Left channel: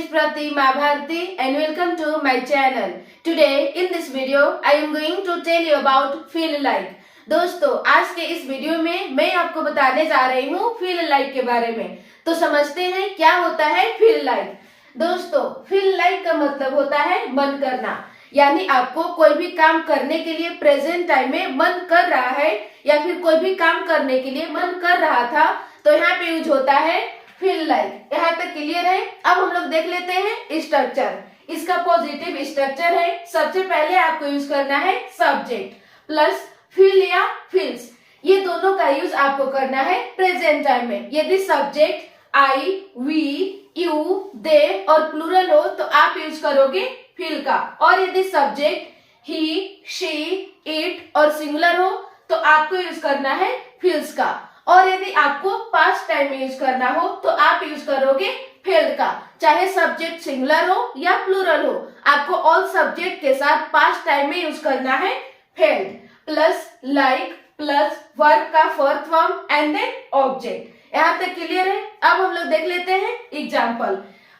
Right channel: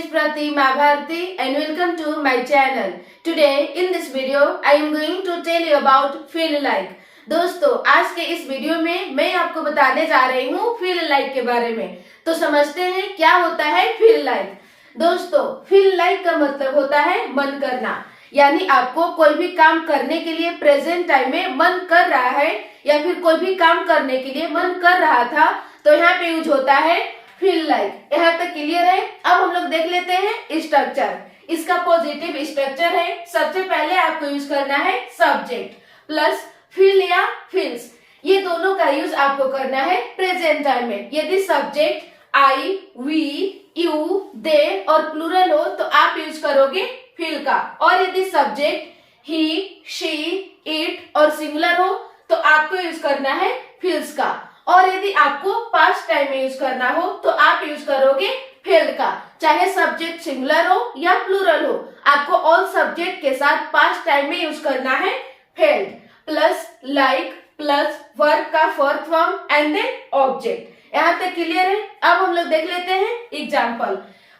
is Pratima Bharti and welcome to my channel. Today in this video I am going to tell you about feel like. दोस्तों आज के इस video में मैं आपको बताने जा रही हूँ फील लाइक के बारे में। तो समझते हैं क्या होता है फील लाइक। दोस्तों फील लाइक का मतलब होता है मन करना, यानी आपको कोई भी काम करने के लिए प्रेजेंट टाइम में मन कर रहा है या फिर कोई भी काम करने के लिए मन कर रहा था तो यहाँ पे यूज होता है फील लाइक। यहाँ तक क्लियर है। अब हम लोग देख लेते हैं स्ट्रक्चर। इसका पॉजिटिव स्ट्रक्चर है। सबसे पहले आपको यूज करना है सब्जेक्ट प्लस फील या फील्स। ये दोनों का यूज आपको करना है प्रेजेंट टाइम में। यदि सब्जेक्ट आई, वी, यू, दे और प्लूरल हो तो आप यूज करोगे फील का, और यदि सब्जेक्ट ही, शी, इट और सिंगुलर हो तो आपको यूज करना है फील्स का, और यदि आपको पास्ट टाइम में यूज करना हो तो आप यूज करोगे फेल्ड का। चाहे सब्जेक्ट सिंगुलर हो या प्लूरल हो, आपको ऑल सब्जेक्ट के साथ पास्ट टाइम में यूज करना है felt plus like plus verb का fourth form and then object. यहाँ तक क्लियर है। अब हम लोग देख लेते हैं एग्जाम्पल।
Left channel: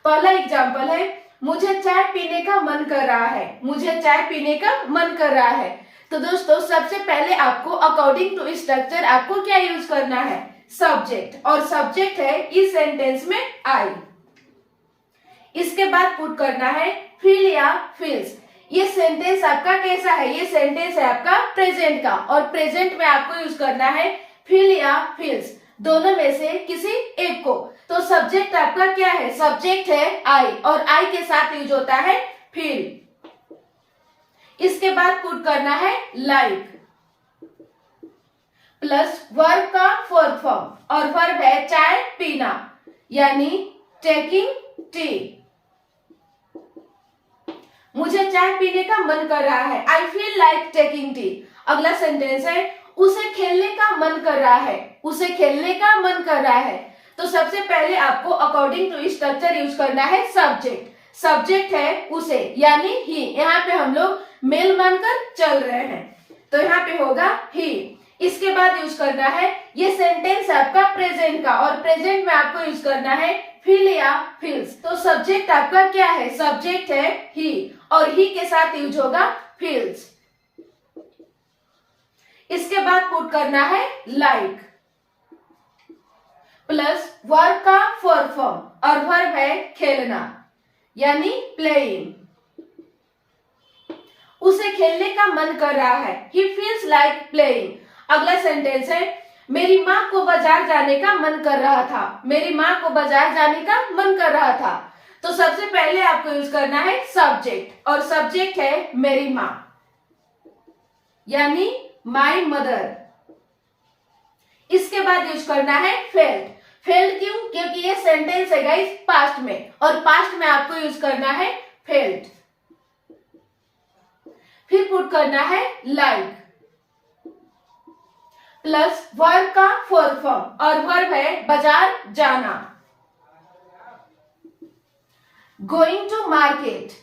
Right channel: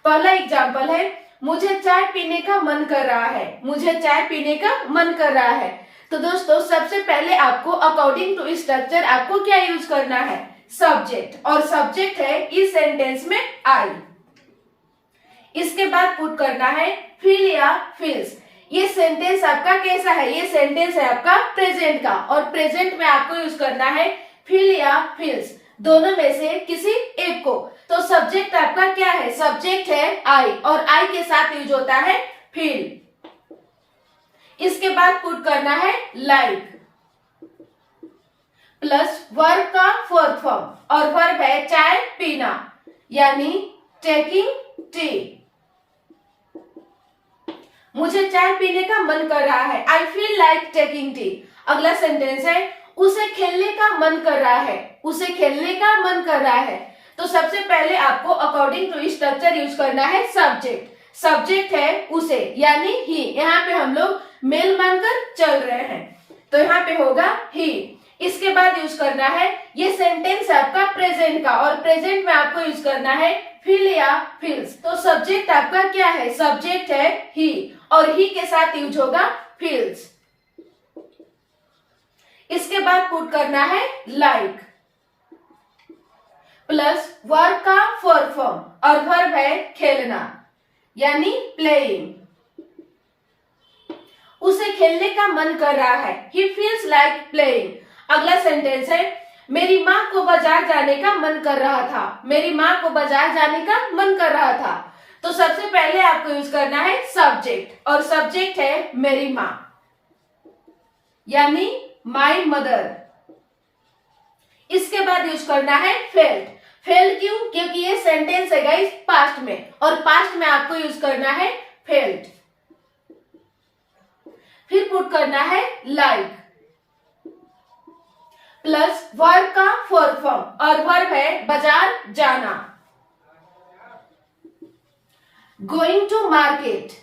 पहला एग्जाम्पल है, मुझे चाय पीने का मन कर रहा है। मुझे चाय पीने का मन कर रहा है। तो दोस्तों सबसे पहले आपको अकॉर्डिंग टू स्ट्रक्चर आपको क्या यूज करना है, सब्जेक्ट, और सब्जेक्ट है इस सेंटेंस में आई। इसके बाद पुट करना है फील या फील्स। ये सेंटेंस आपका कैसा है, ये सेंटेंस है आपका प्रेजेंट का, और प्रेजेंट में आपको यूज करना है फील या फील्स, दोनों में से किसी एक को। तो सब्जेक्ट आपका क्या है, सब्जेक्ट है आई, और आई के साथ यूज होता है फील। इसके बाद पुट करना है लाइक प्लस वर्ब का फोर्थ फॉर्म, और वर्ब है चाय पीना, यानी टेकिंग टी। मुझे चाय पीने का मन कर रहा है, I feel like taking tea. अगला सेंटेंस है, उसे खेलने का मन कर रहा है। उसे खेलने का मन कर रहा है। तो सबसे पहले आपको अकॉर्डिंग टू स्ट्रक्चर यूज करना है सब्जेक्ट। सब्जेक्ट है उसे, यानी ही। यहाँ पे हम लोग मेल मानकर चल रहे हैं तो यहाँ पे होगा ही। इसके बाद यूज करना है, ये सेंटेंस है आपका प्रेजेंट का, और प्रेजेंट में आपको यूज करना है फील या फील्स। तो सब्जेक्ट आपका क्या है, सब्जेक्ट है ही, और ही के साथ यूज होगा फील्स। इसके बाद पुट करना है लाइक प्लस वर्ब का फोर्थ फॉर्म, और वर्ब है खेलना, यानी प्लेइंग। उसे खेलने का मन कर रहा है, he feels like playing। अगला सेंटेंस है, मेरी माँ को बाजार जाने का मन कर रहा था। मेरी माँ को बाजार जाने का मन कर रहा था। तो सबसे पहले आपको यूज करना है सब्जेक्ट, और सब्जेक्ट है मेरी माँ, यानी माई मदर। इसके बाद यूज करना है फेल्ड। फेल्ड क्यों, क्योंकि ये सेंटेंस है गाइस पास्ट में, और पास्ट में आपको यूज करना है फेल्ड। फिर पुट करना है लाइक प्लस वर्ब का फोर्थ फॉर्म, और वर्ब है बाजार जाना, गोइंग टू मार्केट।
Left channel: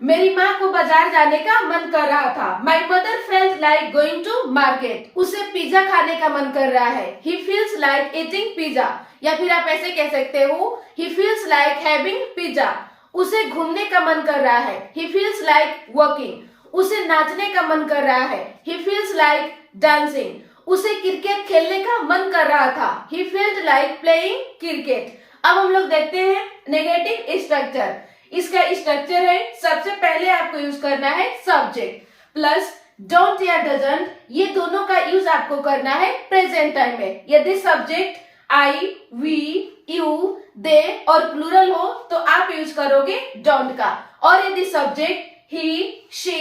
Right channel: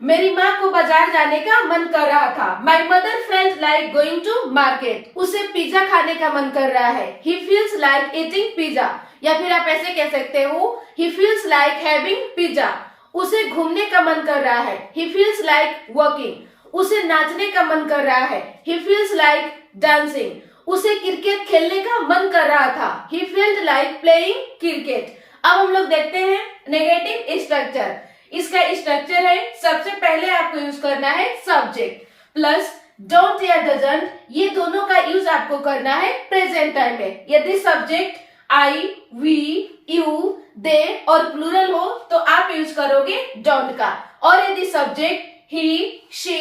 मेरी माँ को बाजार जाने का मन कर रहा था, my mother felt like going to market. उसे पिज्जा खाने का मन कर रहा है, he feels like eating pizza, या फिर आप ऐसे कह सकते हो he feels like having pizza. उसे घूमने का मन कर रहा है, he feels like walking। उसे नाचने का मन कर रहा है, he feels like dancing। उसे क्रिकेट खेलने का मन कर रहा था, he felt like playing cricket। अब हम लोग देखते हैं नेगेटिव स्ट्रक्चर। इसका स्ट्रक्चर है, सबसे पहले आपको यूज करना है सब्जेक्ट प्लस डोंट या डजंट। ये दोनों का यूज आपको करना है प्रेजेंट टाइम में। यदि सब्जेक्ट आई, वी, यू, दे और प्लूरल हो तो आप यूज करोगे डोंट का, और यदि सब्जेक्ट ही, शी,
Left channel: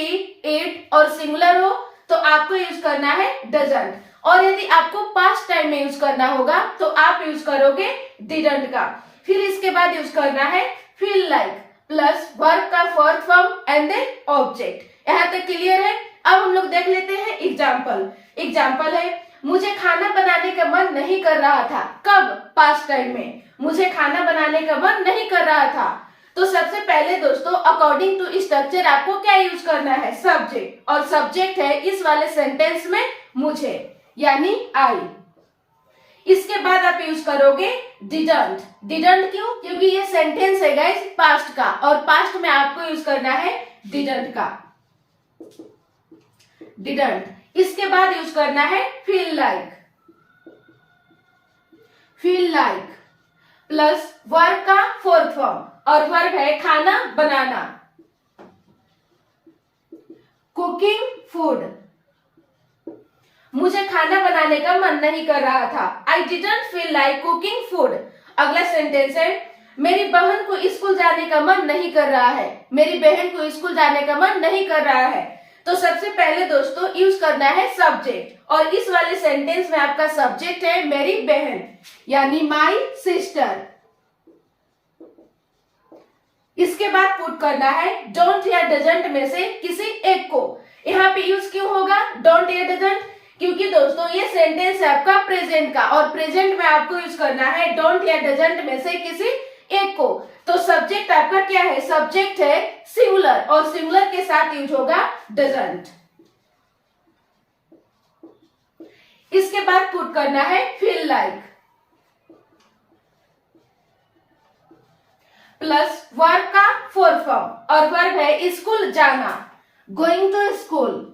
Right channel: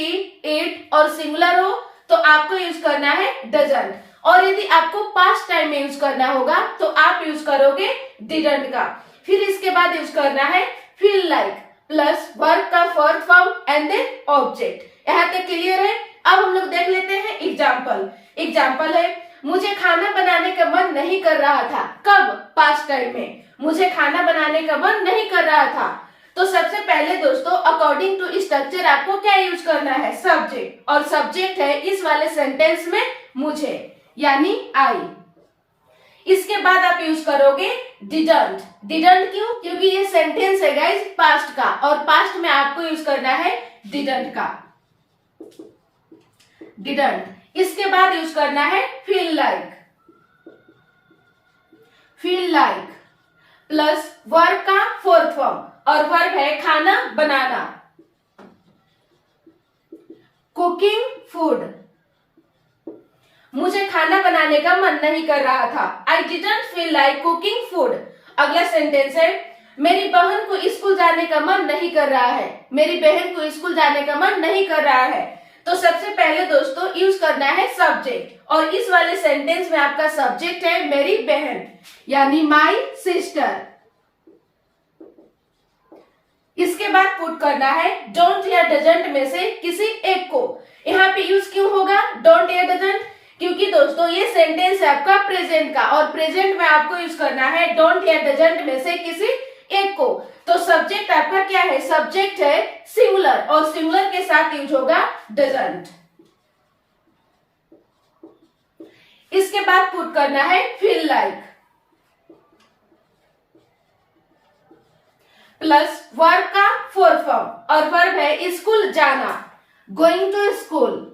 इट और सिंगुलर हो तो आपको यूज करना है डजंट, और यदि आपको पास्ट टाइम में यूज करना होगा तो आप यूज करोगे डिडंट का। फिर इसके बाद यूज करना है फील लाइक प्लस वर्ब का fourth form and then object. यहाँ तक क्लियर है। अब हम लोग देख लेते हैं एग्जाम्पल। एग्जाम्पल है, मुझे खाना बनाने का मन नहीं कर रहा था। कब, पास्ट टाइम में। मुझे खाना बनाने का मन नहीं कर रहा था। तो सबसे पहले दोस्तों अकॉर्डिंग टू स्ट्रक्चर आपको क्या यूज करना है, सब्जेक्ट, और सब्जेक्ट है इस वाले सेंटेंस में मुझे, यानी आई। इसके बाद आप यूज करोगे डिडंट। डिडंट क्यों? क्योंकि ये सेंटेंस है गाइस पास्ट का, और पास्ट में आपको यूज करना है डिडंट का, डिडंट। इसके बाद यूज करना है feel like. Feel like plus verb का फोर्थ फॉर्म, और वर्ब है खाना बनाना। कुकिंग फूड, मुझे खाना बनाने का मन नहीं कर रहा था। I didn't feel like cooking food. अगला सेंटेंस है मेरी बहन को स्कूल जाने का मन नहीं कर रहा है। मेरी बहन को स्कूल जाने का मन नहीं कर रहा है। तो सबसे पहले दोस्तों यूज करना है सब्जेक्ट, और इस वाले सेंटेंस में आपका सब्जेक्ट है मेरी बहन, यानी माई सिस्टर। इसके बाद पुट करना है डोंट या डजंट में से किसी एक को। यहाँ पे यूज क्यों होगा डोंट या डजंट? क्योंकि दोस्तों ये सेंटेंस है आपका प्रेजेंट का, और प्रेजेंट में आपको यूज करना है डोंट या डजंट में से किसी एक को। तो सब्जेक्ट आपका क्या है? सब्जेक्ट है सिंगुलर, और सिंगुलर के साथ यूज होगा डजंट। इसके बाद पुट करना है फील लाइक प्लस वर्ब का फोर्थ फॉर्म, और वर्ब है स्कूल जाना। Going to school,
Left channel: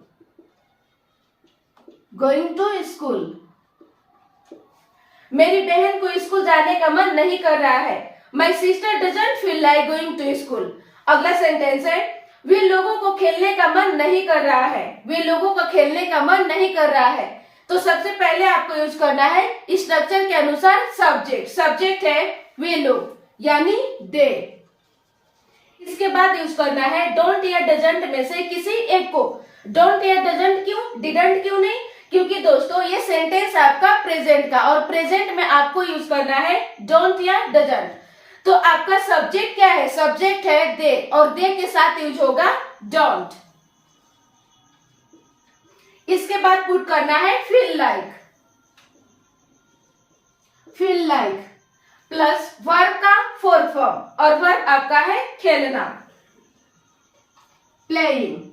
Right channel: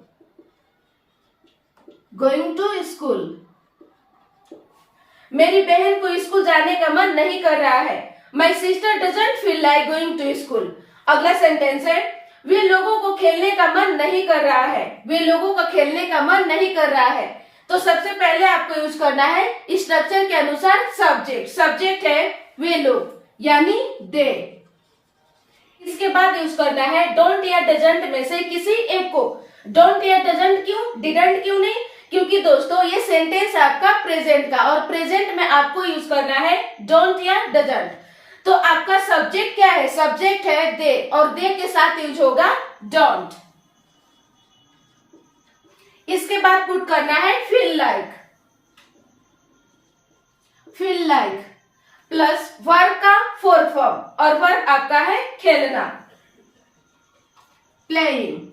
going to school. मेरी बहन को स्कूल जाने का मन नहीं कर रहा है। My sister doesn't feel like going to school. अगला सेंटेंस है वे लोगों को खेलने का मन नहीं कर रहा है। वे लोगों का खेलने का मन नहीं कर रहा है। तो सबसे पहले आपको यूज करना है स्ट्रक्चर के अनुसार सब्जेक्ट। सब्जेक्ट है वे लोग, यानी दे। इसके बाद यूज करना है डोंट या डजंट में से किसी एक को। डोंट या डजंट क्यों, डिडंट क्यों नहीं? क्योंकि दोस्तों ये सेंटेंस है आपका प्रेजेंट का, और प्रेजेंट में आपको यूज करना है डोंट या डजंट। तो आपका सब्जेक्ट क्या है? सब्जेक्ट है दे, और दे के साथ यूज होगा डोंट। इसके बाद पुट करना है feel like. Feel like plus verb का फोर्थ फॉर्म, और वर्ब आपका है खेलना, प्लेइंग।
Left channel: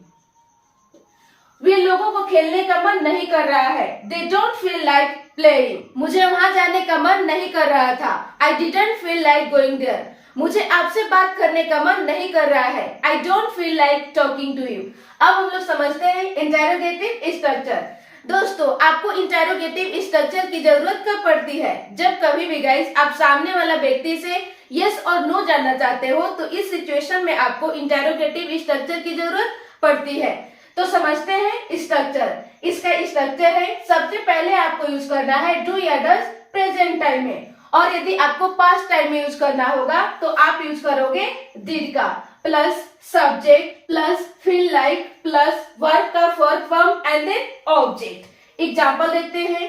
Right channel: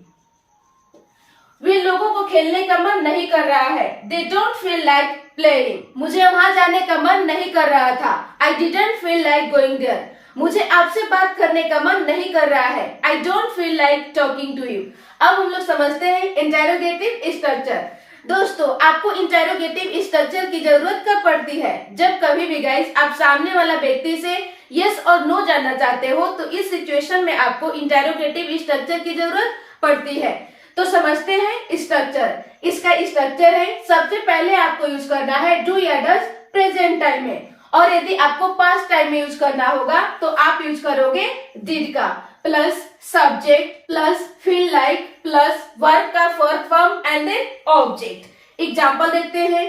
वे लोगों को खेलने का मन नहीं कर रहा है। They don't feel like playing. मुझे वहां जाने का मन नहीं कर रहा था। I didn't feel like going there. मुझे आपसे बात करने का मन नहीं कर रहा है। I don't feel like talking to you. अब हम लोग समझते हैं इंटेरोगेटिव स्ट्रक्चर। दोस्तों आपको इंटेरोगेटिव स्ट्रक्चर की जरूरत कब पड़ती है? जब कभी भी गाइस आप सामने वाला व्यक्ति से यस और नो जानना चाहते हो, तो इस सिचुएशन में आपको इंटेरोगेटिव स्ट्रक्चर की जरूरत पड़ती है। तो समझते हैं स्ट्रक्चर। इसका स्ट्रक्चर है सबसे पहले आपको यूज करना है डू या डज प्रेजेंट टाइम में, और यदि आपको पास्ट टाइम में यूज करना होगा तो आप यूज करोगे डिड का, plus subject plus feel like plus verb का fourth form and then object. Example देखते हैं।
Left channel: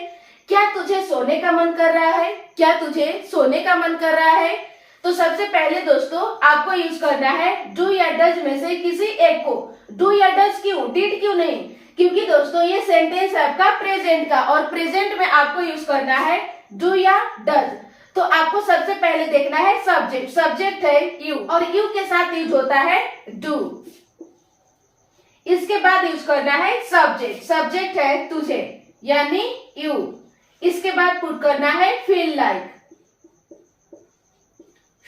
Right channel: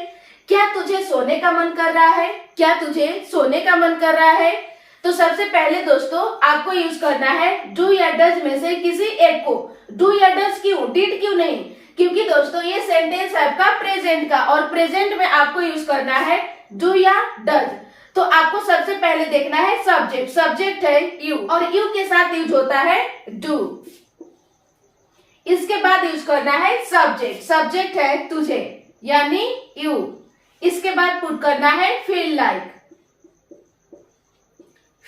क्या तुझे सोने का मन कर रहा है? क्या तुझे सोने का मन कर रहा है? तो सबसे पहले दोस्तों आपको यूज करना है डू या डज में से किसी एक को। डू या डज क्यों, डिड क्यों नहीं? क्योंकि दोस्तों ये सेंटेंस है आपका प्रेजेंट का, और प्रेजेंट में आपको यूज करना है डू या डज। तो आपको सबसे पहले देखना है सब्जेक्ट। सब्जेक्ट है यू, और यू के साथ यूज होता है डू। इसके बाद यूज करना है सब्जेक्ट। सब्जेक्ट है तुझे, यानी यू। इसके बाद पुट करना है feel like.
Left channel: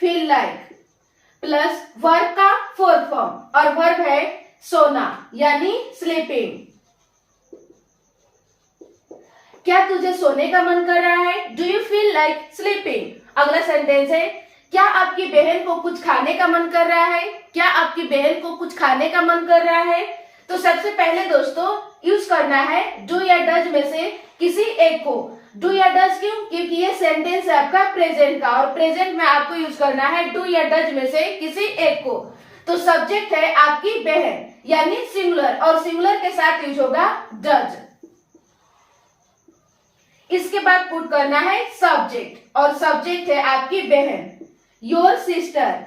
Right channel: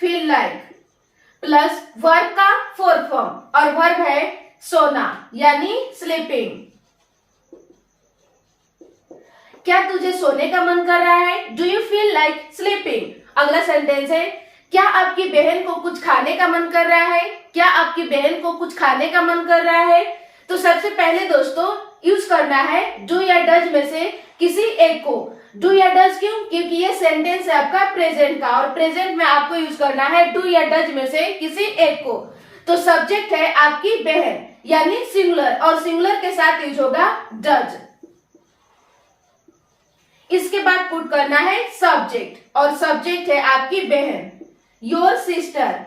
Feel like plus verb का फोर्थ फॉर्म, और वर्ब है सोना, यानी स्लीपिंग। क्या तुझे सोने का मन कर रहा है? Do you feel like sleeping? अगला सेंटेंस है क्या आपकी बहन को कुछ खाने का मन कर रहा है? क्या आपकी बहन को कुछ खाने का मन कर रहा है? तो सबसे पहले दोस्तों यूज करना है डू या डज में से किसी एक को। डू या डज क्यों? क्योंकि ये सेंटेंस है आपका प्रेजेंट का, और प्रेजेंट में आपको यूज करना है डू या डज में से किसी एक को। तो सब्जेक्ट है आपकी बहन, यानी सिंगुलर, और सिंगुलर के साथ यूज होगा डज। इसके बाद पुट करना है सब्जेक्ट, और सब्जेक्ट है आपकी बहन, योर सिस्टर।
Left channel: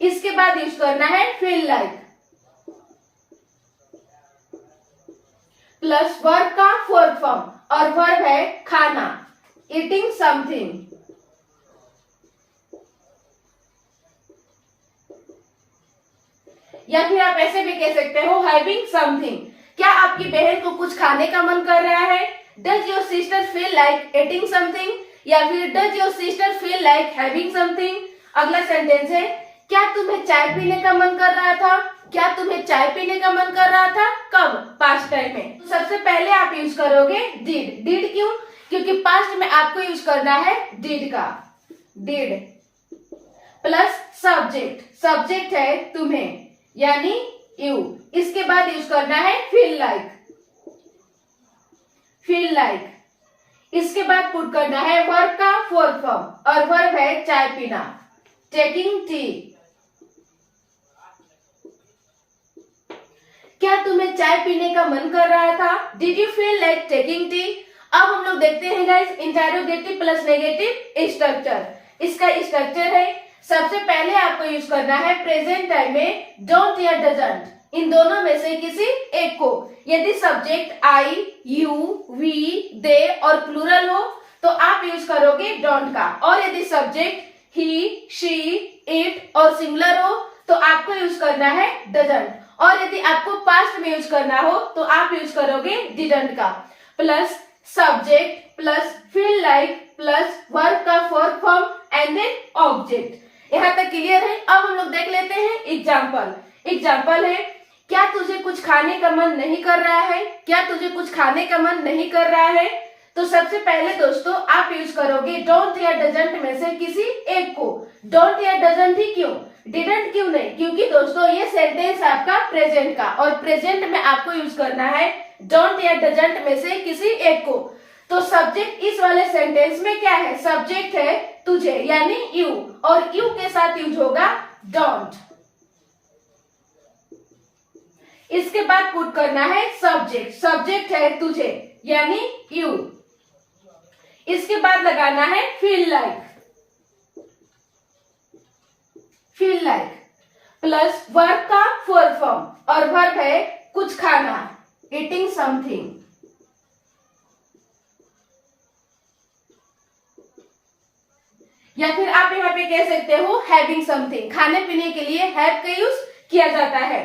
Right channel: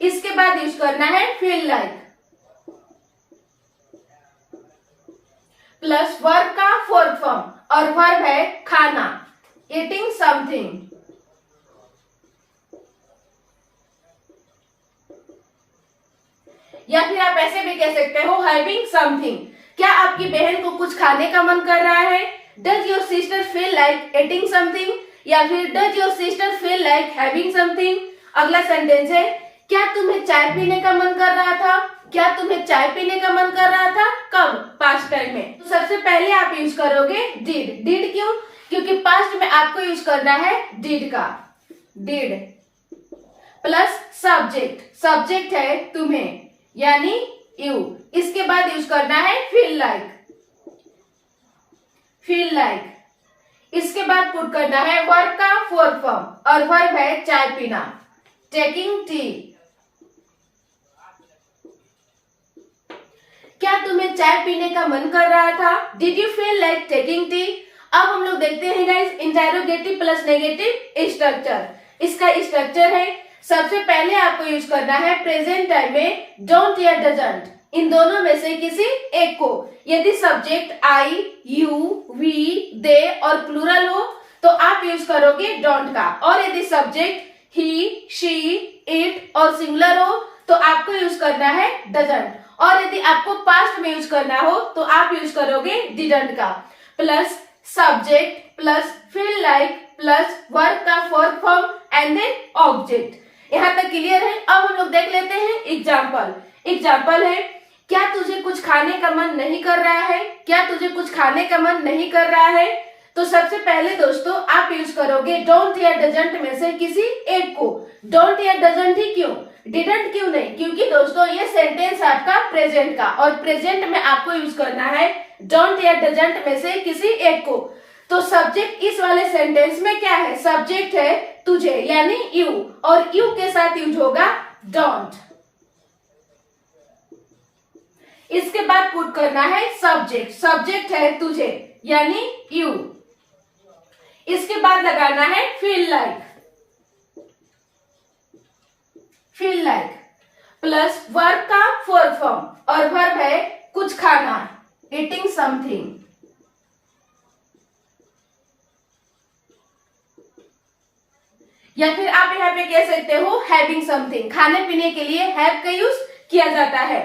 इसके बाद यूज करना है फील लाइक प्लस वर्ब का फोर्थ फॉर्म, और वर्ब है खाना, ईटिंग समथिंग। या फिर आप ऐसे भी कह सकते हो हैविंग समथिंग। क्या आपकी बहन को कुछ खाने का मन कर रहा है? Does your sister feel like eating something, या फिर does your sister feel like having something. अगला सेंटेंस है, क्या तुम्हें चाय पीने का मन कर रहा था, क्या तुम्हें चाय पीने का मन कर रहा था, कब, पास्ट टाइम में। तो सबसे पहले आप यूज करोगे डिड। डिड क्यों, क्योंकि पास्ट में आपको यूज करना है डिड का, डिड प्लस सब्जेक्ट, सब्जेक्ट है तुम्हें यानी यू। इसके बाद यूज करना है फील लाइक, फील लाइक। इसके बाद पुट करना है वर्ब का फोर्थ फॉर्म, और वर्ब है चाय पीना, टेकिंग टी। क्या तुम्हें चाय पीने का मन कर रहा था, did you feel like taking tea. अब हम लोग देखते हैं guys interrogative plus negative structure. इसका स्ट्रक्चर है, सबसे पहले आपको यूज करना है प्रेजेंट टाइम में डोंट या डजंट, इन दोनों में से किसी एक को। यदि सब्जेक्ट आई, यू, वी, दे और प्लूरल हो तो आप यूज करोगे डोंट का, और यदि सब्जेक्ट ही, शी, इट और सिंगुलर हो तो आपको यूज करना है डजंट, और यदि आपको पास्ट में यूज करना हो तो आप यूज करोगे डिडंट का, plus subject plus feel like plus verb का fourth form and then object. यहाँ तक क्लियर है। अब हम लोग देख लेते हैं एग्जाम्पल। एग्जाम्पल है, क्या तुझे कुछ खाने का मन नहीं कर रहा है, क्या तुझे कुछ खाने का मन नहीं कर रहा है। तो सबसे पहले दोस्तों आप यूज करोगे डोंट या डजंट में से किसी एक को। डोंट या डजंट ही क्यों, डिडंट क्यों नहीं, क्योंकि दोस्तों ये सेंटेंस आपका प्रेजेंट का, और प्रेजेंट में आपको यूज करना है डोंट या डजंट में से किसी एक को। तो सब्जेक्ट इस वाले सेंटेंस में क्या है, सब्जेक्ट है तुझे यानी यू, और यू के साथ यूज होगा डोंट। इसके बाद पुट करना है सब्जेक्ट, सब्जेक्ट है तुझे यानी यू। इसके बाद लगाना है feel like, feel like plus verb का फोर्थ फॉर्म, और वर्ब है कुछ खाना, ईटिंग समथिंग। या फिर आप यहाँ पे कह सकते हो हैविंग समथिंग, खाने पीने के लिए हैव का यूज किया जाता है।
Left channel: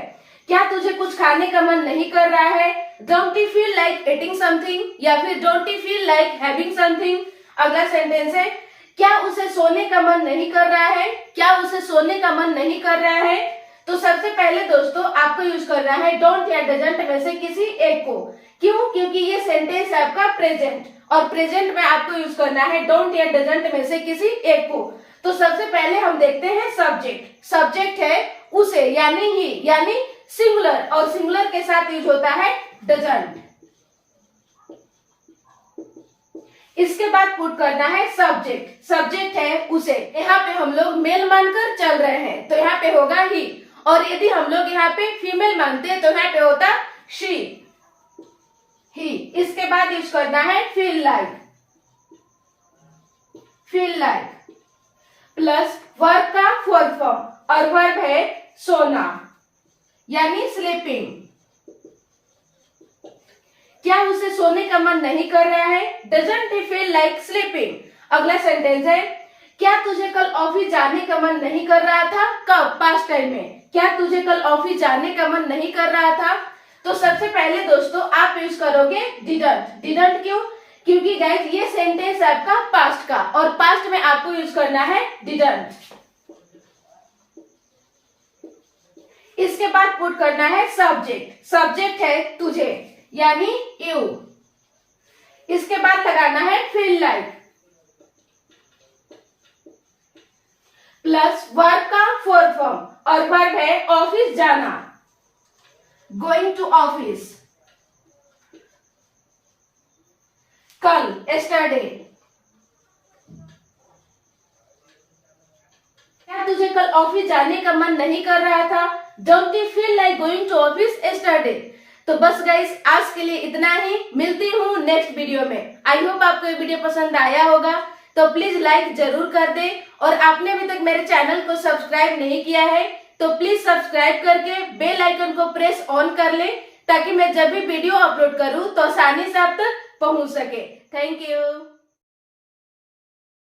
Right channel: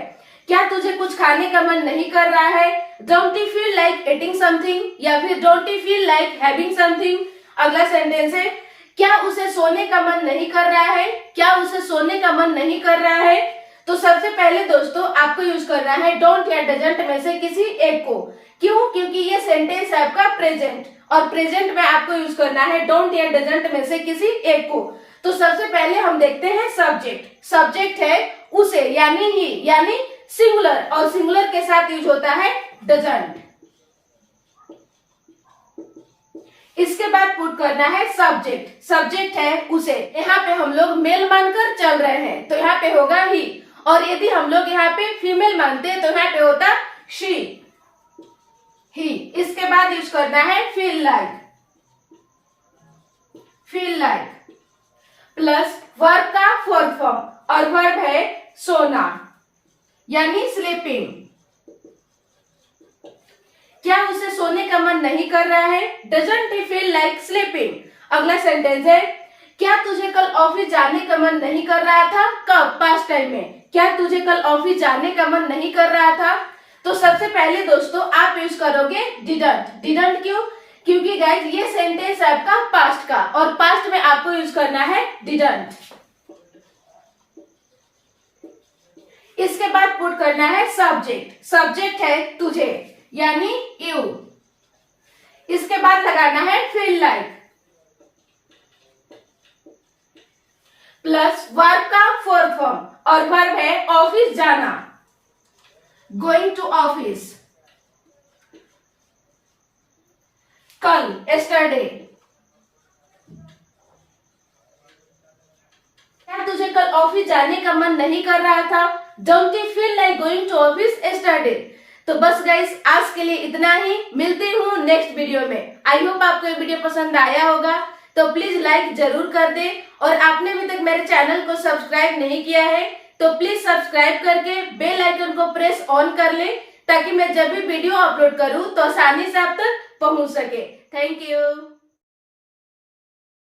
क्या तुझे कुछ खाने का मन नहीं कर रहा है, don't you feel like eating something, या फिर don't you feel like having something. अगला सेंटेंस है, क्या उसे सोने का मन नहीं कर रहा है, क्या उसे सोने का मन नहीं कर रहा है। तो सबसे पहले दोस्तों आपको यूज करना है डोंट या डजंट में से किसी एक को। क्यों, क्योंकि ये सेंटेंस है आपका प्रेजेंट, और प्रेजेंट में आपको यूज करना है डोंट या डजंट में से किसी एक को। तो सबसे पहले हम देखते हैं सब्जेक्ट, सब्जेक्ट है उसे यानी ही, यानी सिंगुलर, और सिंगुलर के साथ यूज होता है डजंट। इसके बाद पुट करना है सब्जेक्ट, सब्जेक्ट है उसे। यहाँ पे हम लोग मेल मानकर चल रहे हैं तो यहाँ पे होगा ही, और यदि हम लोग यहाँ पे फीमेल मानते तो यहाँ पे होता शी, ही। इसके बाद यूज करना है feel like, feel like plus verb का फोर्थ फॉर्म, और वर्ब है सोना यानी स्लीपिंग। क्या उसे सोने का मन नहीं कर रहा है, doesn't he feel like sleeping. अगला सेंटेंस है, क्या तुझे कल ऑफिस जाने का मन नहीं कर रहा था, कब, पास्ट टाइम में। क्या तुझे कल ऑफिस जाने का मन नहीं कर रहा था। तो सबसे पहले दोस्तों आप यूज करोगे डिडंट। डिडंट क्यों, क्योंकि गाइस ये सेंटेंस है आपका पास्ट का, और पास्ट में आपको यूज करना है डिडंट। इसके बाद पुट करना है सब्जेक्ट, सब्जेक्ट है तुझे यानी यू। इसके बाद लगाना है फील लाइक प्लस वर्ब का फोर्थ फॉर्म, और वर्ब है ऑफिस जाना, गोइंग टू ऑफिस। कल, एस्टरडे। क्या तुझे कल ऑफिस जाने का मन नहीं कर रहा था, don't you feel like going to office yesterday. तो बस गाइस आज के लिए इतना ही, मिलती हूँ नेक्स्ट वीडियो में। आई होप आपको ये वीडियो पसंद आया होगा, तो प्लीज लाइक जरूर कर दे, और आपने अभी तक मेरे चैनल को सब्सक्राइब नहीं किया है तो प्लीज सब्सक्राइब करके बेल आइकन को प्रेस ऑन कर ले, ताकि मैं जब भी वीडियो अपलोड करूँ तो आसानी से आप तक पहुँच सके। Thank you.